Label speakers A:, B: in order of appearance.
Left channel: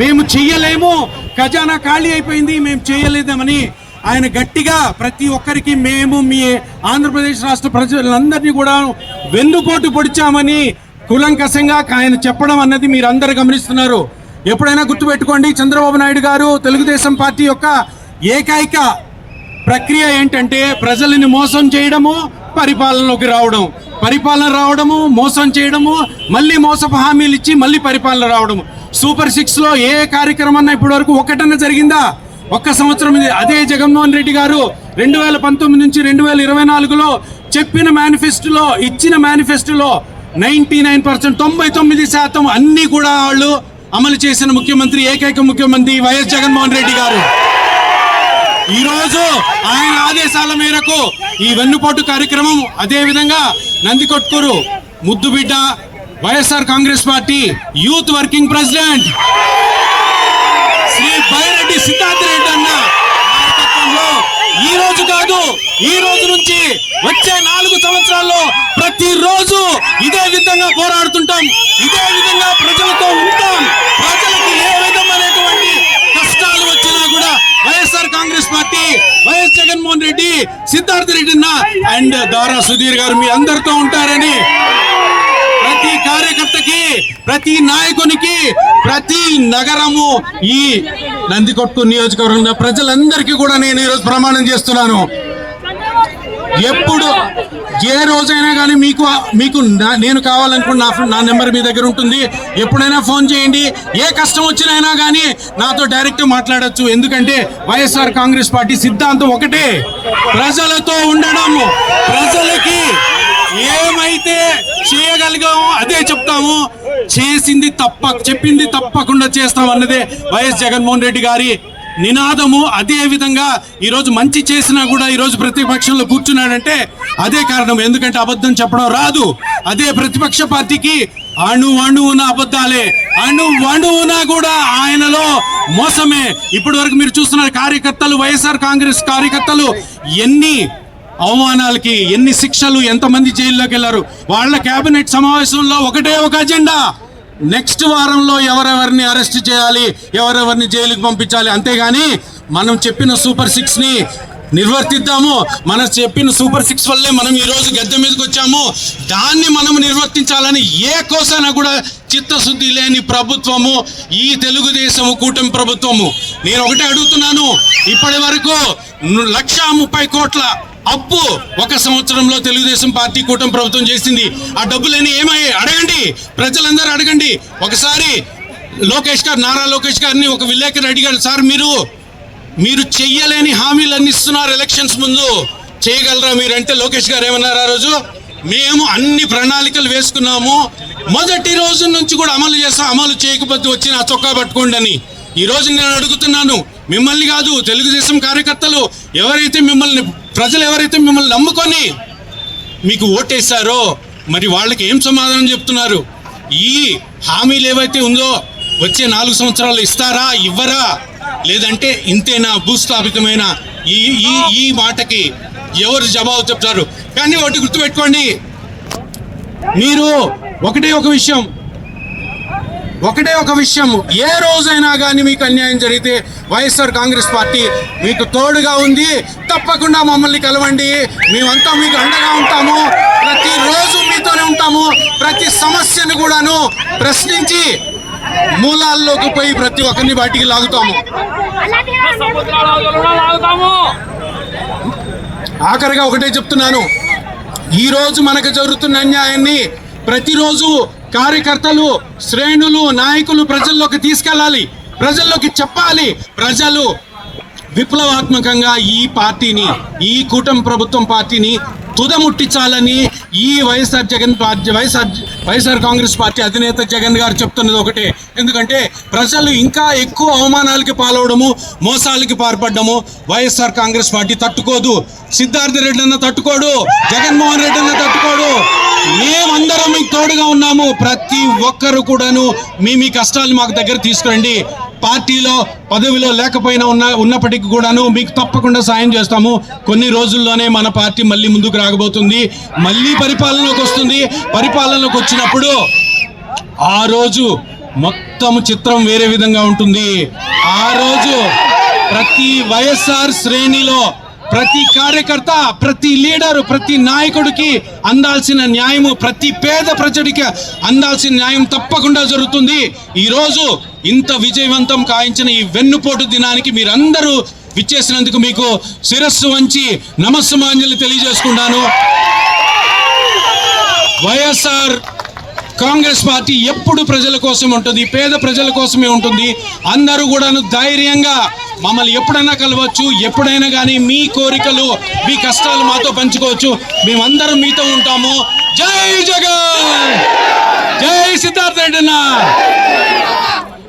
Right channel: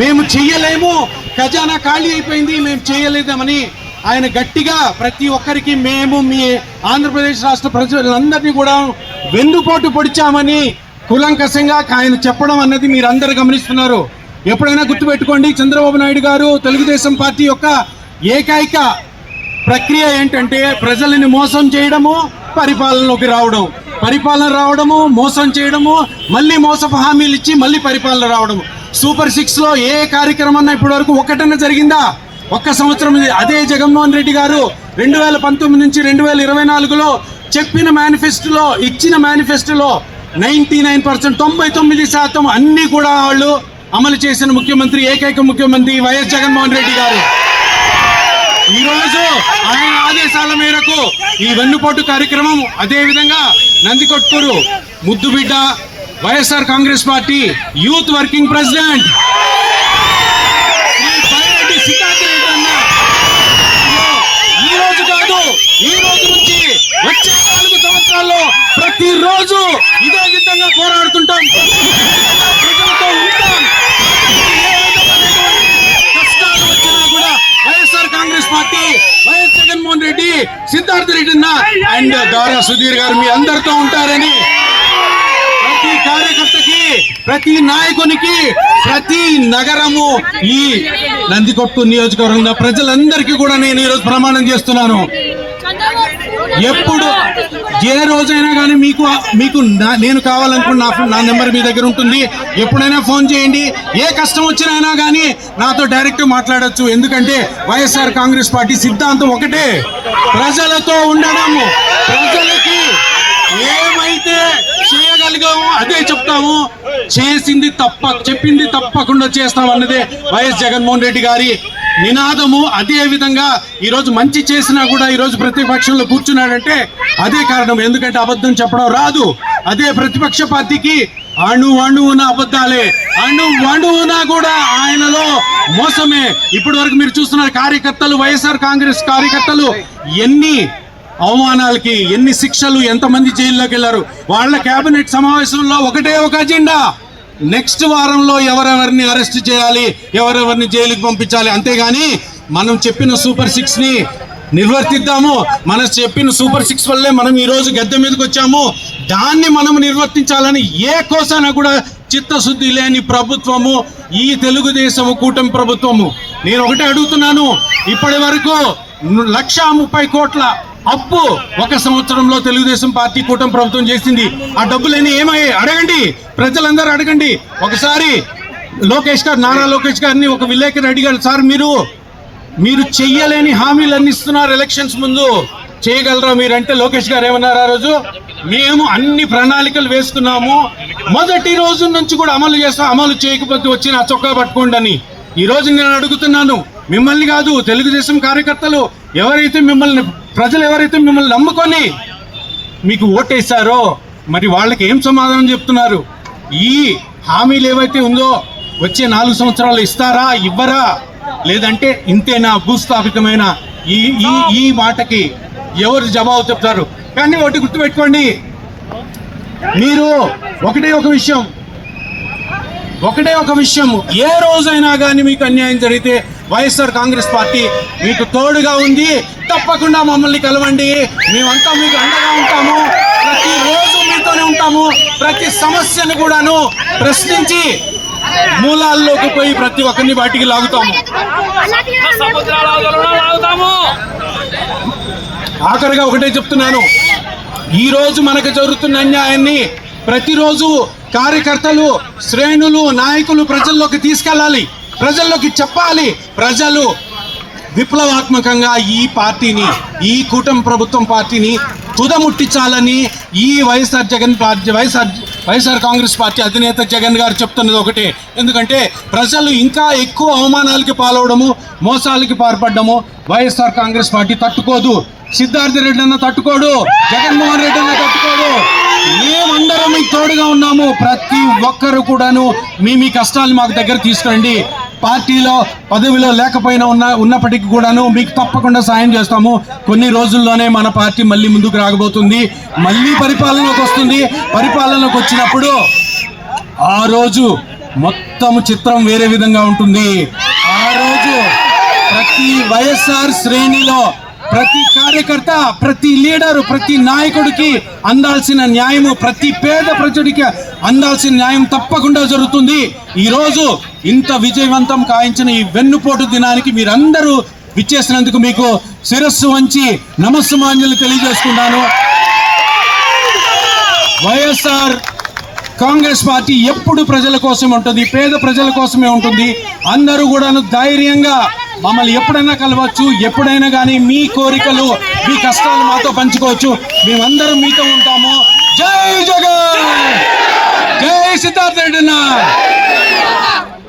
A: మేము చెయ్యలేము. ఖజానా ఖాళీ అయిపోయింది. మేము చేయలేదామని ఆయన గట్టిగా ప్రతి ఒక్కరికి మేము మీ ఆంధ్రప్రదేశ్ రాష్ట్ర ప్రజలందరినీ కూడా వెన్నుపోటు పొడిచామని కులంకసంగా ఆయన చెప్పడం అన్నది మీరు అందరు గమనిస్తున్నారు. ఎప్పుడైనా గుర్తుపెట్టుకోండి చంద్రబాబు నాయుడు గారు తెలుగుదేశం పార్టీ యొక్క ఏకైక ప్రక్రియ ఏంటంటే ప్రజలని మోసం చేయడము పరిపాలనలోకి రావడం. పరిపాలన రావడము మోసం చేయడము మళ్ళీ మోసపు హామీలు ఇచ్చి మళ్ళీ పరిపాలన రావడము. సూపర్ సిక్స్లో ఏ కార్యక్రమం అన్నా ఇప్పటి వరకు ఒకటన్నా జరిగిందా ఒక్క సంవత్సరం ఇది. అదే జగన్మోహన్ రెడ్డి గారు రెండు వేల పంతొమ్మిది నుంచి రెండు వేల ఇరవై నాలుగులో చెప్పిన మేనిఫెస్టోలో ఇచ్చిన మేనిఫెస్టోలో నైంటీ నైన్ పర్సెంట్ తొంభై తొమ్మిది శాతం అన్ని కూడా వాళ్ళు అమలు చేసిన ముఖ్యమంత్రి ఏకైక ముఖ్యమంత్రి వైఎస్ జగన్మోహన్ రెడ్డి గారు ఈరోజు ఆయన ఆదేశాల మేరకు ఈ వెన్నుపోటు కార్యక్రమం అదే విధంగా నందికొట్కూరు ముద్దుబిడ్డ YSR Congress party youth working president. Sri Byreddy Siddhartha Reddy అన్న ఈ రోజు కాదు ఈ రోజు నుంచి వచ్చే నాలుగు సంవత్సరాల్లో ప్రతిరోజు ఇదే విధంగా పోరాడుతుంటాం. ఇదే విధంగా ప్రజలతో ఉంటాం. ప్రజలకు ఏ విధమైనటువంటి కష్టాలు వచ్చినా కూడా YSR Congress party YS Jaganmohan Reddy Siddhartha Reddy అన్న అండ్ దారా సుధీర్ గారు మీ అందరితో ఉంటారని ప్రతి నాయకునికి ప్రతి నగరము ఈ నందికొట్టు నియోజకవర్గంలో ప్రజలందరికీ కూడా నేను ఈరోజు ప్రమాణం చేస్తున్నాను. ఎప్పుడు ఏ రోజైనా కానీ మీకు మీకు నేను కావాలనుకున్న నా నా నెంబర్ మీ దగ్గర ఉంటుంది. ఎప్పుడైనా ఫోన్ చేయండి. ఏ కష్టం వచ్చినైనా కానీ నాతో డైరెక్ట్ మాట్లాడచ్చు. ఎందుకంటే వైఎస్ఆర్ కాంగ్రెస్ పార్టీ సిద్ధాంతం ఒకటే. ప్రజలతో ఉండడం ప్రజలకి ఏమైతే చేయగలిగామో అదే చెప్తాము. చేసింది తప్ప చెప్పింది తప్పకుండా చేస్తాం అన్నదే వైఎస్ జగన్మోహన్ రెడ్డి గారి నినాదము. అదే విధంగా ఈరోజు మంచి చేసినా కూడా ఈరోజు ప్రతిపక్షంలో కూర్చున్నాడంటే అదే కారణం. ఎందుకంటే అబద్ధం చెప్పడం రాదు. అదే ప్రతిపక్ష పార్టీకి అణు అణువున అబద్ధాలే. అణు అణువున కూడా ఆయనలో మోసమే. ఇప్పటి వరకు మీరు చూస్తున్న కార్యకర్తలు వైఎస్ఆర్ కాంగ్రెస్ కార్యకర్తలు ఎన్ని అవమానాలకి ఎన్ని శిక్షలు ఎంతమంది జైల్లోకి వెళ్ళారు? వాళ్ళ కేబినెట్ సమావేశంలో ఒకటే ఒక అజెండా. నెక్స్ట్ వారంలో ఎవరెవరిని అరెస్ట్ చేయాలి ఎవరెవరిని జైలుకి పంపించాలి? అంతేగాని మనం చెప్పిన సూపర్ సిక్స్ని నిర్వర్తిద్దాము. మనం చెప్పిన సూపర్ సిక్స్ వల్లే మనం ఈరోజు గద్దె మీదకి వచ్చాము. దాన్ని మనం నిర్వర్తించాలని ఏ కోసాన కూడా చిత్తశుద్ధి లేని ప్రభుత్వము ఈ తెలుగుదేశము కూటమి ప్రభుత్వము. నేను ఒకటే అడుగుతున్నాను. ఇప్పటి వరకు లక్ష ముప్పై కోట్ల అప్పు ఒక సంవత్సరంలో తెలుగుదేశం పార్టీ కూటమి ప్రభుత్వం చేసింది. ఆ డబ్బులన్నీ ఏమయ్యాయి? అడగండి. ప్రజలందరూ అడగండి. ఒకసారి లోకేష్ గారు నారా లోకేష్ గారిని ఒక విలేకరు అడిగారు సార్ మీరు మీరు చెయ్యలేని హామీలన్నీ ఇస్తున్నారు ఎలక్షన్స్ ముందు. చేయగలరా మీరంటే? లోకేష్ గారు ఏమన్నారు ఆ రోజు? మేము అన్ని ప్రణాళికలు వేసుకున్నాము. మొదటి రోజు నుంచి కూడా అమలు చేస్తాం. అమలు చేయకపోతే వచ్చి నా చొక్కా పట్టుకోండి అని. ఈరోజు నేను అడుగుతున్నాను. మిమ్మల్ని కాదు తెలుగుదేశం కార్యకర్తలు ఎవరైతే మిమ్మల్ని ప్రజలు ఎవరైతే మిమ్మల్ని నమ్ముకొని మీకు ఓటేశారో మరి వాళ్ళకి ఏం సమాధానం చెప్తున్నారు? ఈ హామీలు ఏవైతే ఉందో వచ్చే నాలుగు సంవత్సరాలు ఇస్తారా ఇవ్వరా? లేదంటే ఇంతేనా భూస్థాపితమైన ఈ ఈ ఈ మాటకి ఎవరు జవాబు చెప్తారు? కానీ ఒకటి గుర్తుపెట్టుకోండి. మీరు ఒకటే ఒక విషయం. ఒకటే ఒక విషయం ఏ రోజైనా కానీ మీకు అన్యాయం జరిగితే వైఎస్ఆర్ కాంగ్రెస్ పార్టీ మీకు తోడుగా ఉంది. తప్పకుండా మమ్మల్ని కలవండి. మేమంతా మీకు అండగా ఉంటాము. ప్రతి రోజు మీతోనే ఉంటాము. ప్రతి సమస్యను కూడాను ప్రశ్నించి మూలాల్లోకి పోయి ప్రతి ఒక్కరిని వాటికి లాగుతాము
B: లాగుతాము.
A: ఆఖరిగా ఒకటే చెప్తున్నాను. ఈ రోజు మనకు జరుగుతున్న అన్యాయాన్ని ప్రతిరోజు కార్యకర్తలు శ్రేణులు నాయకులు ప్రజల్లోకి తీసుకెళ్ళాలి. ప్రజల్లోకి చెప్పాలి. ప్రజలు విప్లవాత్మకంగా ఈ పార్టీని ఈ కూటమి ప్రభుత్వం పార్టీని తుదముట్టించాలని ఈ YSR Jagan party YSR YSR Congress party అధినేత జగన్ గారు చెప్తున్నది ఒకటే. ఎందుకంటే ప్రజలు ఇంకా ఎక్కువ అవమానాలకి పాల్వడము మోసాలకి పాల్పడము వైఎస్ఆర్ కాంగ్రెస్ పార్టీ తట్టుకోదు. సిద్ధార్థ రెడ్డి అన్న తట్టుకోడు జగన్మోహన్ రెడ్డి అన్న తట్టుకోడు. మేమందరం మీకు తోడుగా ఉన్నాము. ప్రతి ఒక్కరు కూడాను మీ మీ కష్టాలు మాకు దగ్గర తీసుకురండి. పార్టీలో పదవిలో లేకపోయినా ఉన్న ఉన్నప్పటికీ కూడాను మీకు తప్పకుండా సాయం చేస్తాము. కొన్ని రోజుల్లోనే మన పార్టీ మళ్ళీ ముందుకు రాగబోతుంది. మళ్ళీ పరిపాలనలోకి వస్తుంది. పరిపాలనలోకి వచ్చినప్పుడు ఆ రోజు మొత్తం చిత్రం వేరే విధంగా ఉంటుంది. ఆ రోజు ప్రతి వైఎస్ఆర్ శ్రేణిలో ప్రతి కార్యకర్త ప్రతి లీడరు ప్రతి నాయకుడికి అందాల్సిన న్యాయము ప్రతి పేద ప్రజడికి అందాల్సిన న్యాయం తప్పకుండా జరుగుతుంది. ఈరోజు ఇంత విజయవంతం కాయించిన ఈ వెన్నుపోటు దినానికి మీరందరూ విచ్చేసినందుకు మీకు శిరస్సు వంచి నమస్సుమాంజలి తెలియజేసుకుంటాను. వైఎస్ఆర్ కాంగ్రెస్ పార్టీ ఎప్పుడు ప్రజల కోసం ఉంటుంది పేద ప్రజల కోసమే ఉంటుంది. అందరూ కూడాను ధైర్యంగా మమ్మల్ని ఎప్పుడైనా కలవచ్చు ఎప్పుడైనా కానీ మీ కోరికలు మీ కష్టాలు మాతో పంచుకోవచ్చు. మేమందరం మీతో ఉంటాము. జై జగన్! జై సిద్ధార్థ రెడ్డి